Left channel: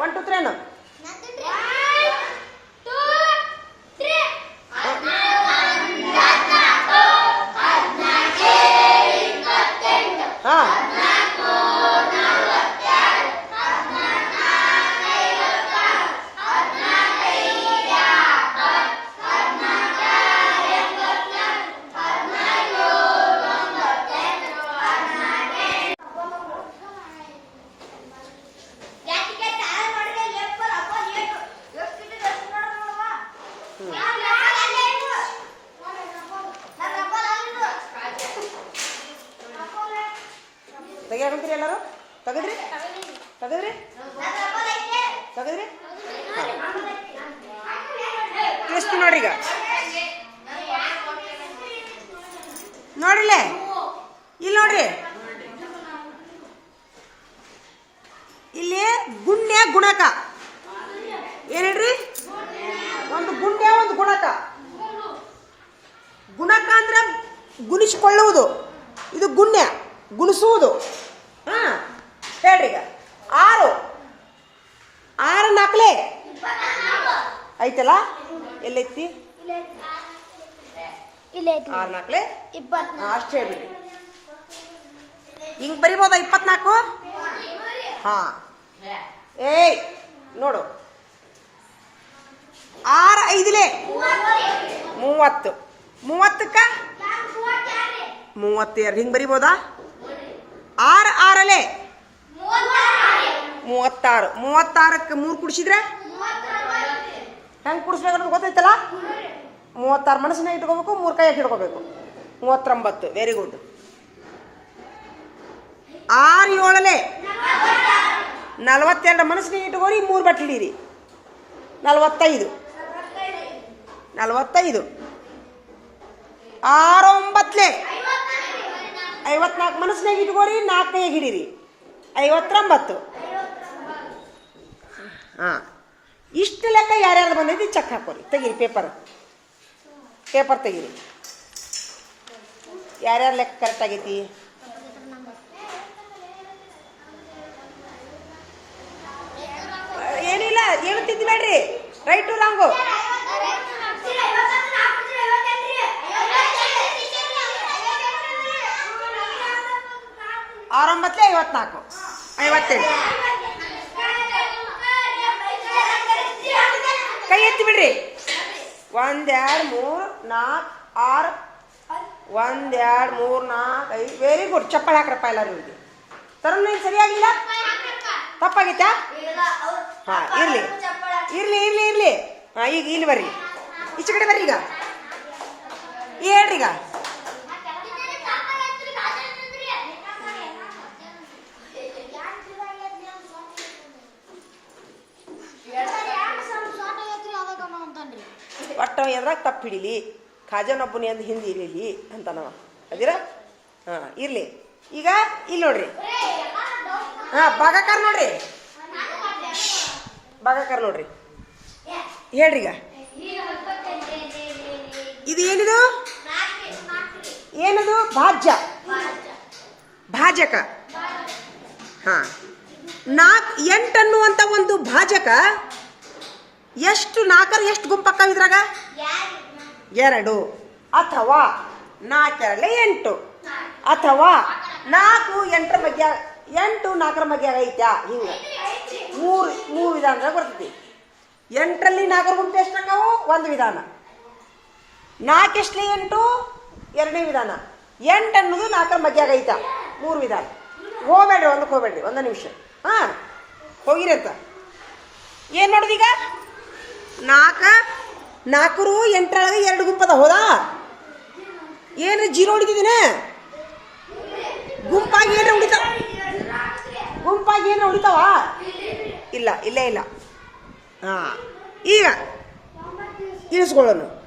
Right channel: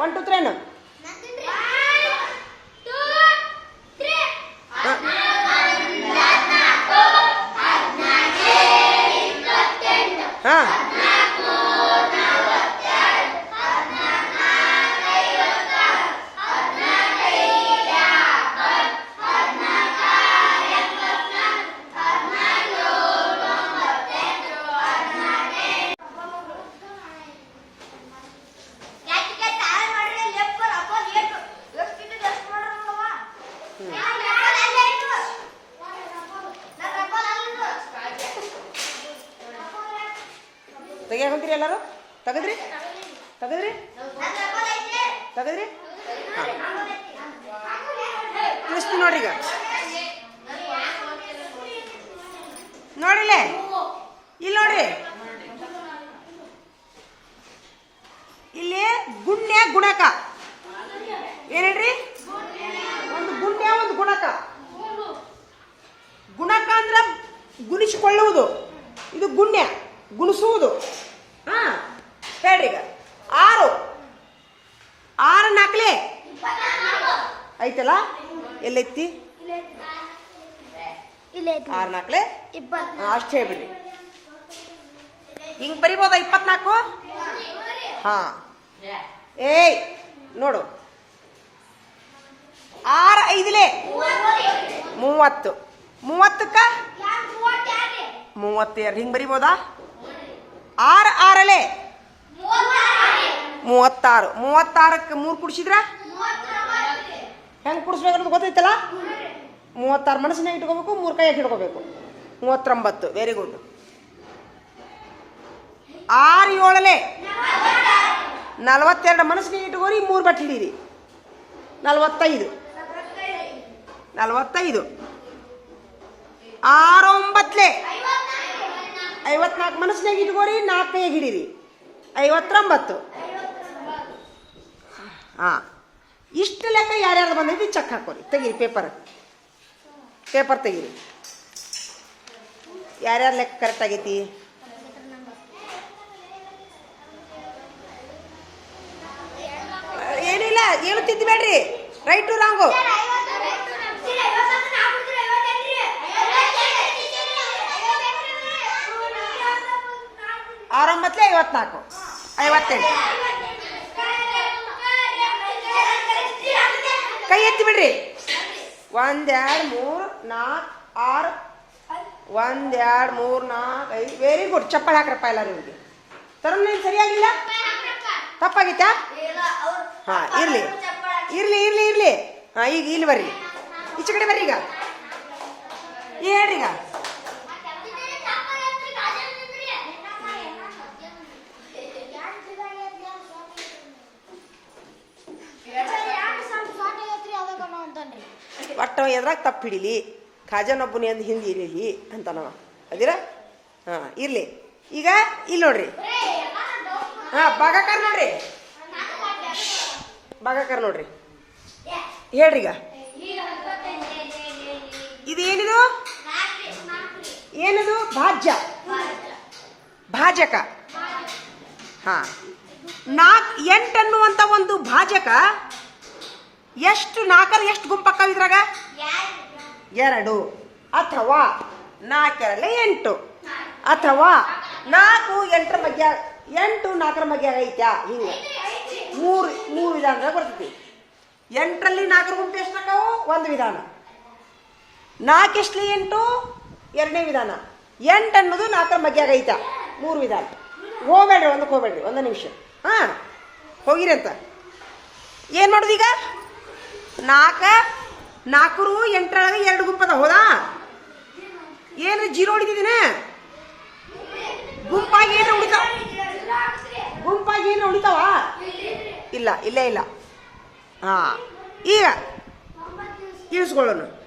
One to three ಅನ್ನು ಹಾ. ತಿಳಿಸ್ತೀನಿ ನೋಡ್ರಿ ಈಗ ನೋಡಿಲ್ಲೇ ಇಲ್ಲಿ ನೋಡ್ರಿ. ಇಲ್ಲಿ ಗುಣ್ಯ ಗುಣಕ. ಏನ್ ಒಂದು ಗುಣ್ಯ, ಒಂದು ಗುಣಕ. ಗುಣಕ ಅಂದ್ರೆ ಗುಣಿಸಿಕೊಳ್ಳುವುದು. ಇದು ಗುಣ್ಯ, ಗುಣಿಸುವುದು. ಹಾ ಹೇಳ್ರಿ ಈಗ ಆರು. ಆರು ನಾಲ್ಕಲೆ? ಐತಲ್ಲ? ಎಲ್ಲೈತಿ? ಆರು ನಾಲ್ಕಲೆ ಅಷ್ಟು ಹೇಳ್ಬಿಡಿ. ಹಿಂಗ್ ಬರಿಬೋದ ಇಪ್ಪತ್ನಾಲ್ಕು? ಹಾ. ಏಯ್ ನೋಡು. ಆರು ಐದಲೇ? ಮೂವತ್ತು. ಮೂವತ್ತಕ್ಕ? ಮೂವತ್ತೆರಡು. ಹಿಂಗ್ ಬರಿಬೋದಾ? ಆರು ಆರಲೆ? ಮೂವತ್ತಾರು. ಮೂವತ್ತಾರಕ್ಕೆ ಮೂರು ಕುಡಿಸಿದ್ರೆ? ಹೆಂಗೆ ಕುಡಿಸ್ಬೇಕು ಅನ್ನೋದು ಗೊತ್ತೈತಲ್ಲ ಮೂವತ್ತಾರು ಮನಸ್ಸನ್ನ ಇಟ್ಕೋಬೇಕು, ಮೂರು ಕೈ ಹಿಡ್ಕೋಬೇಕು. ಮೂವತ್ತೊಂಬತ್ತು ವೆರಿ ಗುಡ್ ಆರು ಏಳಲೆ ನಲವತ್ತೆರಡು ಮನಸ್ಸಿನ ಇಟ್ಕೋರಿ, ಮೂರು ಬಟ್ಲಿರಿ ನಲವತ್ತೈದು. ನಲವತ್ತೈದು. ಆರು ಒಂಬತ್ತಲೆ ಐವತ್ನಾಲ್ಕು ಮನಸ್ಸಿನಾಗ ಇಟ್ಕೋರಿ ನಾಲ್ಕನೇ ಹಿಡೀರಿ. ಐವತ್ತೊಂಬತ್ತು. ಹಾಂ. ಇಷ್ಟು ಲೆಕ್ಕ ಯಾರ್ಯಾರು ಬಂದೈತಿ ಚೆಕ್ ಹಾಕೋರಿ ತೆಗೀರಿ ಪೇಪರ್ ಪೇಪರ್ ತೆಗೀರಿ. ಯಾರ್ಯಾರ ಲೆಕ್ಕ ಕರೆಕ್ಟ್ ಆಗೈತಿ? ಏನಿಲ್ಲ, ಹೇಳ್ತಿದ್ದು ಬೇಡ್ರಿ. ರೈಟು ರಾಂಗು ಆರಂಭತ್ತೆ ಐವತ್ನಾಲ್ಕು. ಐವತ್ತೆಂಟು. ಕೈ ಎತ್ತಿ ಬಿಡ್ರಿ. ಒಂದೆರಡು ಮೂರು ನಾಲ್ಕು ಆರು. ಎರಡ್, ಮೂರು ನಾಲ್ಕು ಐದು. ವೆರಿ ಗುಡ್ ಚಪ್ಪಲ್ ಹಾಕ್ರಪ್ಪ ಎಲ್ಲರೂ ಇವ್ರಿಗೆ ತರನ್ ಏನು ಸರಿಯಾಗಿಲ್ಲ? ತಪ್ಪಾಗಿತ್ತಾ? ಹಾ, ಇರ್ಲಿ. ಇರ್ಲಿ ಇರ್ಲಿ ಇರ್ಲಿ. ಹಾ, ಈಗ ಇಲ್ಲಿ ಬರ್ರಿ. ಈಚೆ ಕಡೆ ಬರ್ರಿ ಈಗ. ಹೇಳ್ರಿ ಈಗ ಒಟ್ಟು ಎದ್ರಾಗ ತಪ್ಪು ಹಿಡೀಲಿ ಖಾಜನೊಬ್ಬನಿ ಅಂದ್ ಹಿಂದೆ ಇರಲಿ ಅಂತ ನಾವು ಅದಿರ ಹಾಂ, ಇರ್ಲಿ. ಈಗ ಇಲ್ಲಿ ನೋಡ್ರಿ. ಹಾಂ, ಭಾಗಕಾರ ನೋಡ್ರಿ. ಭಾಗಕಾರ ನೋಡ್ರಿ. ಹೇಳ್ರಿ ಈಗ. ಇದು ಏನಿದು? ಏನದು? ಭಾಜ್ಯ. ಭಾಜಕ. ಹಾ. ನಾಲ್ಕು ಎಂಟು ಅನ್ನುವಂಥ ಒಂದು ಭಾಜಕ ಎಷ್ಟು ನಾಲ್ಕರ ಎಷ್ಟು ಗುಂಪಕ್ಕವ ಇದ್ರಾಗ? ಎರಡು. ಅಥವಾ ನಾಲ್ಕರಲ್ಲಿ ಎಂಟು. ಅಥವಾ ನಾಲ್ಕು ಎಂಟರ ಮಧ್ಯ, ಎಂಟು ನಾಲ್ಕರ ಮಧ್ಯ ಐತ್ಯಾ? ಹಿಂಗೆ. ಮೂರು ಮೂರು ವಿಧಾನದಾಗ ಬರ್ತೈತಿ. ಎಂಟರಲ್ಲಿ ನಾಲ್ಕರ ಗುಂಪು ಎಷ್ಟು ಹಾಕಾವು ಒಂದು ವಿಧಾನ. ನಾಲ್ಕೆಷ್ಟಲಿ ಎಂಟು? ಎರಡನೇ ವಿಧಾನ. ಎಂಟು ಅನ್ನೋದು ನಾಲ್ಕರ ಮಧ್ಯಾಗ ಐತ ಮೂರು ವಿಧಾನ. ಹೋಗ್ಬೇಡ್ರಿ, ಒಂದಕ್ಕೆ ಹೋಗ್ಬೇಡ್ರಿ, ಒಂದು ನಿಮಿಷ. ಹಾಂ, ಹೋಗಿರಿ ಅಂತ. ಏನು ಮಾಡೋದು ಈಗ ನಾಲ್ಕ ನಾಲ್ಕರು ಎಂಟರೊಳಗೆ ಎರಡು ಗುಂಪದ, ಹೌದಾ? ಏನ್ರಿ ಜೀರೋ ಹೊಡಿತಿದ್ದೀನ? ಗುಂಪಾಗಿ ಏನ್ರ ಉಳಿತಾವ? ಗುಂಪಾಗಿ ಏನ್ರ ಉಳಿತಾವ? ಇಲ್ಲ, ಇಲ್ಲೇ, ಇಲ್ಲ. ಹಾಂ, ಈಗ ಇಳಿಸ್ಕೊಳ್ಳೋನು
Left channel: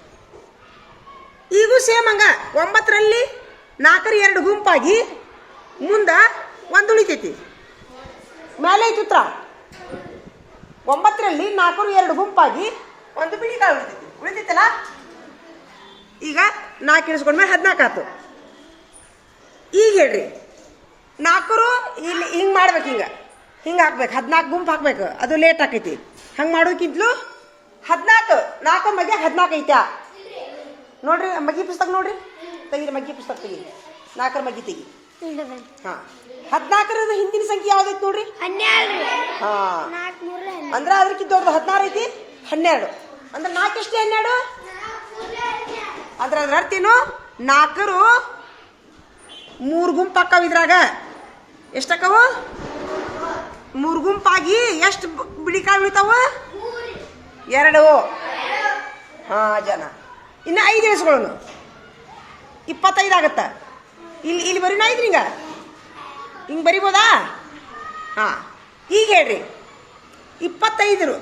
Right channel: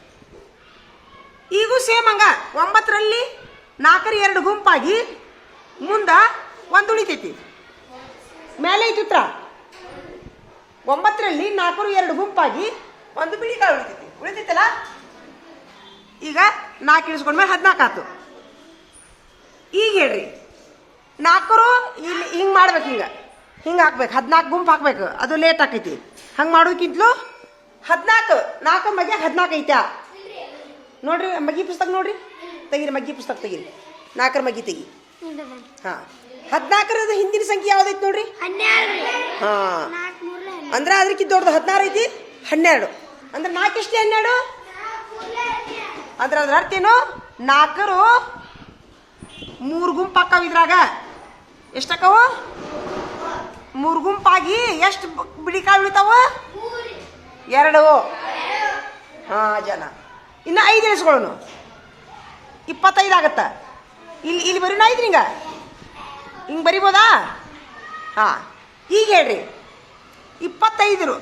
ಈಗೂ ಸೇಮ್ ಹಂಗ. ಒಂಬತ್ತರಲ್ಲಿ ನಾಲ್ಕರ ಎರಡು ಗುಂಪಾಗಿ ಮುಂದ ಒಂದು ಉಳಿತೈತಿ. ಮೇಲೆ ಐತಿ ಉತ್ತರ? ಒಂಬತ್ತರಲ್ಲಿ ನಾಲ್ಕರು ಎರಡು ಗುಂಪಾಗಿ ಒಂದು ಬಿಳಿ ಕಾಳು ಉಳಿತೈತಿ ಉಳಿತೈತಲ್ಲ ಈಗ ನಾಲ್ಕು ಇಳಿಸ್ಕೊಂಡ್ಮೇಲೆ ಹದಿನಾಲ್ಕು ಆತು ಈಗ ಹೇಳ್ರಿ. ನಾಲ್ಕರು ಇಲ್ಲಿ ಹಿಂಗೆ ಮಾಡ್ಬೇಕು ಹಿಂಗೆ. ಹಿಂಗೆ ಹಾಕ್ಬೇಕು. ಹದಿನಾಲ್ಕು ಗುಂಪು ಹಾಕ್ಬೇಕು. ಅದು ಲೇಟ್ ಆಕೈತಿ. ಹಂಗೆ ಮಾಡೋಕ್ಕಿಂತಲೂ ಹದಿನಾಲ್ಕು. ನಾಲ್ಕು ಮಗೆ ಹದಿನಾಲ್ಕು ಐತ್ಯಾ? ನೋಡ್ರಿ ಮಗ್ಗಿ ಪುಸ್ತಕ ನೋಡ್ರಿ. ತೆಗೀರಿ ಮಗ್ಗಿ ಪುಸ್ತಕ ತೆಗೀರಿ. ನಾಲ್ಕರ ಮಗ್ಗಿ ತೆಗಿ. ಹಾಂ. ಹದಿನಾಲ್ಕರದ ಹಿಂದಿನ ಸಂಖ್ಯೆ ಯಾವ್ದೈತಿ ನೋಡ್ರಿ? ಹನ್ನೆರಡು. ಹಾಂ. ಅಂದ್ರೆ ಅದಕ್ಕಿಂತ ದೊಡ್ಡದು ಹದಿನಾರು ಐತಿ? ಹನ್ನೆರಡು. ಅಂದ್ರೆ ನಾಲ್ಕು ಹನ್ನೆರಡು? ಅಂದ್ರೆ ಅದ್ರ ಅರ್ಥ ಏನು? ನಾಲ್ಕರು ಮೂರು ಗುಂಪು ಅಕ್ಕಾವ ಇದ್ರಾಗ. ಎಷ್ಟಕ್ಕವು? ಮೂರು ಗುಂಪಾಗಿ ಎಷ್ಟು ಬಿಳಿ ಕಾಳು ಉಳಿತಾವ ಎರಡು. ಹಾ, ಜನ. ಇನ್ನು ಐದು ಇಳಿಸ್ಕೊಳ್ಳೋನು ಇಪ್ಪತ್ತೈದು ಆಗತ್ತ. ಇಲ್ಲಿ ಇಲ್ಲಿ ಬರೀನ ಐತ್ರಿ ಹಿಂಗ ಹಿಂಗೆ ಬರಿಬೋದಾ? ಹಾಂ. ಈಗ ಹೇಳ್ರಿ. ಇಪ್ಪತ್ತೈದರು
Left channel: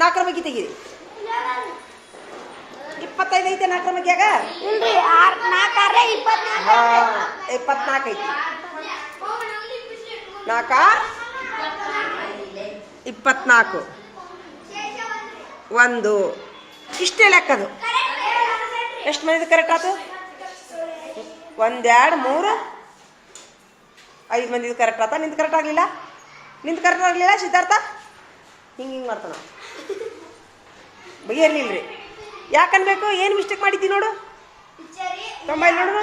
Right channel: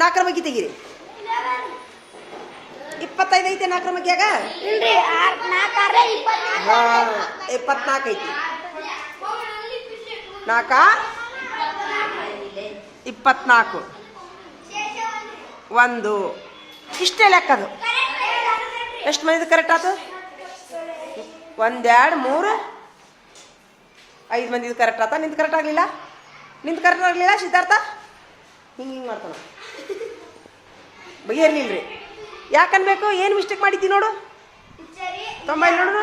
ನಾಲ್ಕರ ಬಗ್ಗೆ ತೆಗೀರಿ. ಇಪ್ಪತ್ತೈದು ಐತೆ ನಾಲ್ಕರ ಮಗ್ಯಾಗ ಇಪ್ಪತ್ನಾಲ್ಕು ಐತಿ. ನಾಲ್ಕ? ಇಪ್ಪತ್ನಾಲ್ಕು. ಒಂದು. ಇಷ್ಟೇ ಲೆಕ್ಕದು ಎಷ್ಟು ಮಂದಿದು ಕರೆಕ್ಟ್ ಆತು? ಒಂದೆರಡು ಮೂರು. ಐದು ಮಂದಿದು ಕರೆಕ್ಟ್ ಆತ? ನಿಂದು ಕರೆಕ್ಟ್ ಆಗಲಿಲ್ಲ? ನಿಂದು ಕರೆಕ್ಟ್ ಆಗಲಿಲ್ಲ ಸಿದ್ಧಾರ್ಥ? ಹಿಂಗೆ ಹಿಂಗೆ ಮಾಡ್ತಾನ. ಬಗೆಹರ್ಲಿಲ್ಲ ರೀ. ಯಾಕನ್ಬೇಕು ಏನು ಮಿಸ್ಟೇಕ್ ಮಾಡಿದ್ದಿ ನೋಡು. ತೊಂಬೈ ನೋಡು.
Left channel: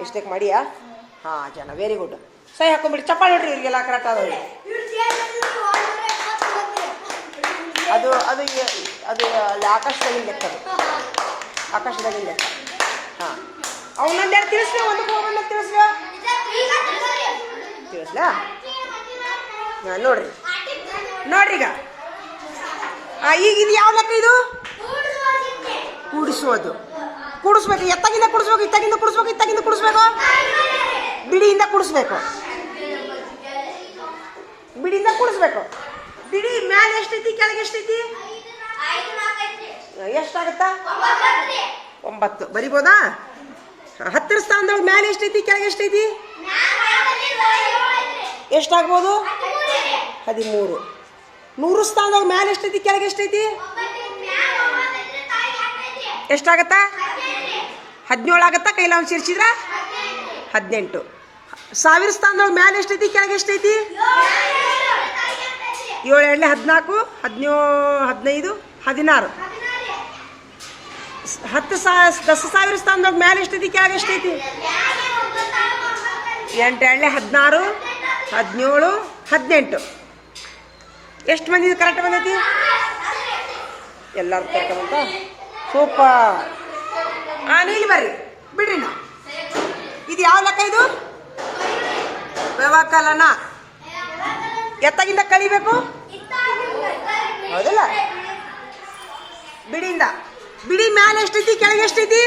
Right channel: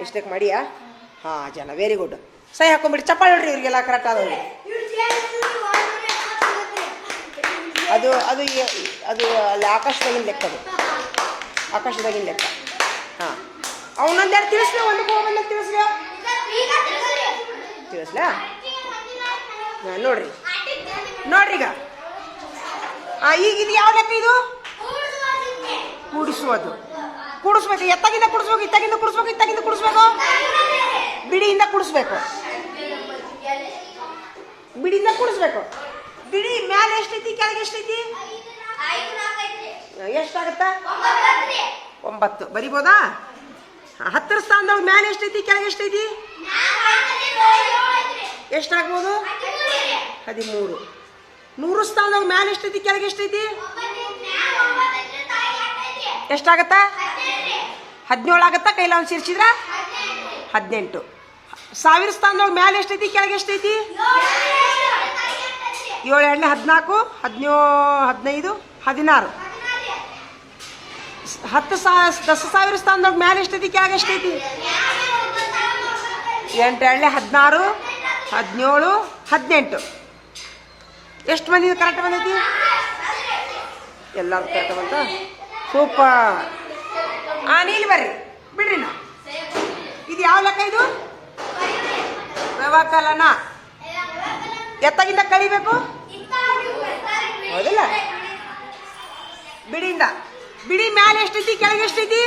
ಮಿಸ್ಟೇಕ್ ಮಾಡಿಯಾ? ಹಾಂ ಜನ ವೆರಿ ಗುಡ್ ಸೈ ಹಾಕೊಂಬಿಡಿ ಚಪ್ಪಾಳೆ ನೋಡ್ರಿ ಇವ್ರಿಗೆಲ್ಲ ಕರೆಕ್ಟ್ ಆದವ್ರಿ. ಅದು ಅದು ಅದು ಅಲ್ಲಿ ಆಕಾಶದಾಗಿನ ಲೆಕ್ಕ ಅದು. ಆಕಾಶದಾಗಿನ ಲೆಕ್ಕ. ಹಾಂ. ಅವನೊಂದೆರಡು ತಿಳಿಸ್ಲೇ ಒಂದು ಹೋಗಿ ತಿಳಿಸ್ಲೇ? ತಿಳಿಸ್ಲಾ ನೋಡ್ರಿ. ನೋಡ್ರಿ ಈಗ. ಈಗ ಇದು ಯಾವ ಲೆಕ್ಕ ಇದು? ಕೂಡಿಸುವುದು. ಕೂಡಿಸ್ಬೇಕು. ಎತ್ತಾಗಿಂದ ಕುಡಿಸ್ಬೇಕು, ಇತ್ತಾಗಿಂದ ಕುಡಿಸ್ಬೇಕು ಇತ್ತಾಗಿಂದ ಕುಡಿಸ್ಬೇಕು? ಬಿಡಿಯಿಂದ ಕುಡಿಸ್ಬೇಕು. ಬಿಡಿಯಿಂದ ಕುಡಿಸ್ಬೇಕು. ಬಿಡಿ, ಮ್ಯಾಲೆ ಎಷ್ಟೈತಿ, ಕೆಳಗೆ ಎಷ್ಟೈತಿ? ಎಷ್ಟಾಗತ್ತಾ? ಒಂಬತ್ತು. ಬರಿಬೋದಾ? ಹತ್ತರ ಸ್ಥಾನದೊಳಗೆ ಮ್ಯಾಲೆ ಎಷ್ಟೈತಿ? ಕೆಳಗೆ ಎಷ್ಟೈತಿ? ಎಷ್ಟಾಗ್ಬೋದು? ಹದಿಮೂರು. ನೂರು ಸ್ಥಾನದೊಳಗೆ ಮ್ಯಾಲೆ ಎಷ್ಟೈತಿ? ಕೆಳಗೆ ಎಷ್ಟೈತಿ? ಎಷ್ಟಾಗತ್ತಾ? ಹದಿನೇಳು ಆಗತ್ತಾ? ಕೈಲ ಒಂದು ಸೇರಿಸಿದ್ರ? ಹದಿನೆಂಟು. ಸಾವಿರ ಸ್ಥಾನದೊಳಗೆ ಮ್ಯಾಲೆ ಎಷ್ಟೈತಿ? ಕೆಳಗೆ ಎಷ್ಟೈತಿ? ಏಳು ಎರಡನೇ ಹದಿನಾಲ್ಕು, ಹದಿನೇಳು, ಹದಿನೈದು, ಹದಿನಾರು. ಹತ್ತು ಸಾವಿರ ದಸ ಸಾವಿರ ಸ್ಥಾನದೊಳಗೆ ಮ್ಯಾಲೆ ಎಷ್ಟೈತಿ ಆಗ ಎಷ್ಟೈತಿ ಎಂಟು ಎಳ್ಳೆ, ಹದಿನಾರು, ಹದಿನೇಳು, ಹದಿನೆಂಟು. ಎಷ್ಟು ಮಂದಿ ಕರೆಕ್ಟ್ ಬಂದೈತಿ? ಎಲ್ಲರೂ ಕರೆಕ್ಟ್ ಬಂತ? ಸೂಪರ್ ಆ, ನೀಲಿ ಬರ್ರಿ. ಬಿಡ್ರಿ ನಾ ಇದು ಯಾವ ಲೆಕ್ಕ ಇದು? ವ್ಯವಕಲನ. ಎತ್ತಾಗಿಂದ ಕಳಿಬೇಕು? ಹೌದಲ್ಲ? ಬಿಡಿಯಿಂದ. ಬಿಡಿ, ಮ್ಯಾಲೆ ಎಷ್ಟೈತಿ, ಕೆಳಗೆ ಎಷ್ಟೈತಿ?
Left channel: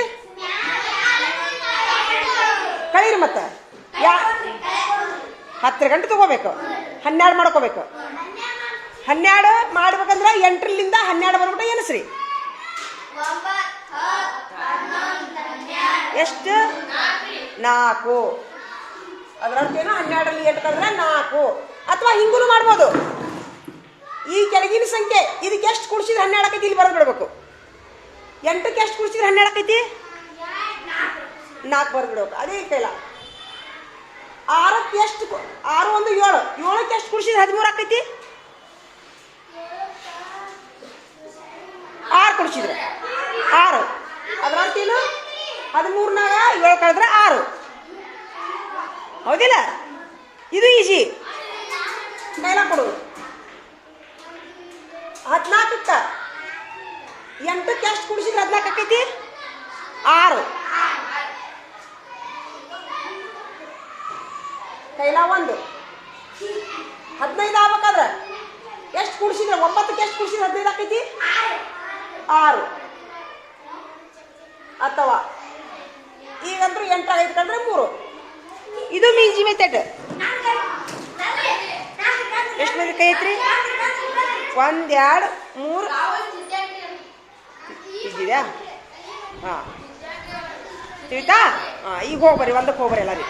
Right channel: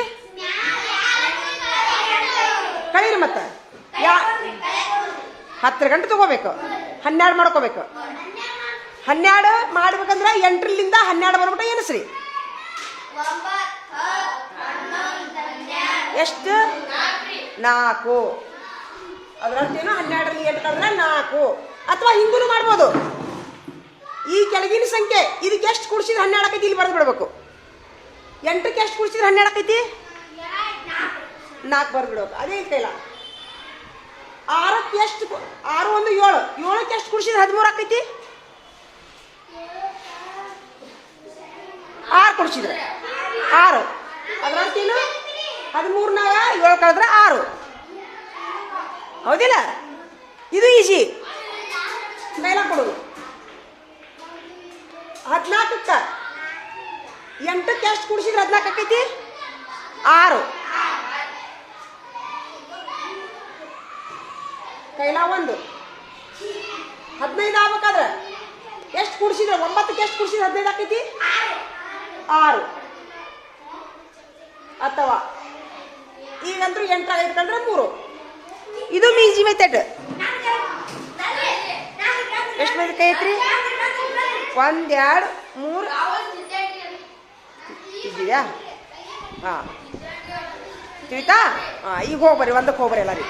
ಕಳೀರಿ ಮತ್ತೆ. ಯಾ ಹತ್ತರ ಗಂಟೆ ತಗೋಬೇಕು. ಹನ್ನೆರಡು ಮಾಡ್ಕೋಬೇಕು. ಹನ್ನೆರಡು ಮಾಡ್ಬೇಕಂದ್ರೆ ಎಂಟರಿಂದ ಹನ್ನೆರಡು ಬರ್ಬಿಟ್ಟು ಎನಿಸ್ರಿ ಎಷ್ಟು? ನಾಲ್ಕು. ಅದರ ಅರ್ಥ ಏನು ಹನ್ನೆರಡರಲ್ಲಿ ಎಂಟು ಕಳೆದ್ರೆ ನಾಲ್ಕು. ಅಥವಾ ಹಿಂಗೂ ಮಾಡ್ಬೋದು. ಈ ಕೆಳಗಿನ ಸಂಖ್ಯೆ. ಇದಕ್ಕೆ ಎಷ್ಟು ಕುಡಿಸಿದ್ರೆ ಹನ್ನೆರಡಕ್ಕೆ ಇಲ್ಲಿ ಬರೆದು ಬಿಡ್ಬೇಕು. ಎಂಟಕ್ಕೆ ಎಷ್ಟು ಕುಡಿಸಿದ್ರೆ ಹನ್ನೆರಡು ಆಕೈತಿ? ನಾಲ್ಕು ಬರೆದು ಬಿಡ್ಬೇಕು. ಅದೇ ಕೈಲ. ಆರಕ್ಕೆ ಎಷ್ಟು ಆರು ಒಂದು ಏಳು. ಏಳಕ್ಕೆ ಎಷ್ಟು ಕುಡಿಸಿದ್ರೆ ಹದಿಮೂರು ಆಕೈತಿ? ಆರು ಕುಡಿಸಿದ್ರೆ. ಆರು. ಅದರ ಅರ್ಥ ಏನು? ಹದಿಮೂರ್ನಾಗ ಏಳು ಕಳೆದ್ರೆ ಆರು. ಹೌದಿಲ್ಲ? ಇದು ಈಸಿ ಮೇಲೆ ಕೊಡು. ಹದಿನಾಲ್ಕಕ್ಕ. ಎಂಟಕ್ಕೆ ಎಷ್ಟು ಕುಡಿಸಿದ್ರೆ ಹದಿನಾಲ್ಕು ಆಕೈತಿ? ಆರು. ಕೈಲ ಒಂದು. ಹದಿನೈದು ಆಗ್ಬೇಕಾದ್ರೆ? ಎಷ್ಟು ಕುಡಿಸಿದ್ರೆ ಒಂಬತ್ತಕ್ಕೆ ಎಷ್ಟು ಕುಡಿಸಿದ್ರೆ ಹದಿನೈದು ಆಕೈತಿ? ಆರು. ಅಥವಾ ಈಗಂತೂ ಎಂಟು ಕಂಡ್ರೆ ಮೂರು. ಇದು ಮೀಜಿ ಮೆಥಡ್ ಎಷ್ಟು ಮಂದಿ ಕೈ ಐತ್ರಿ ಒಂದ್ ಎರಡು ಮೂರು. ಇದೆಯಾ ಹಾಂ. ತಿಳಿತಾ ಹಾಂ ಈಗ ಹೋಗ್ಬರ್ರಿ ಒಂದಕ್ಕೆ ಹೋಗ್ಬರ್ರಿ ಎಲ್ಲರೂ.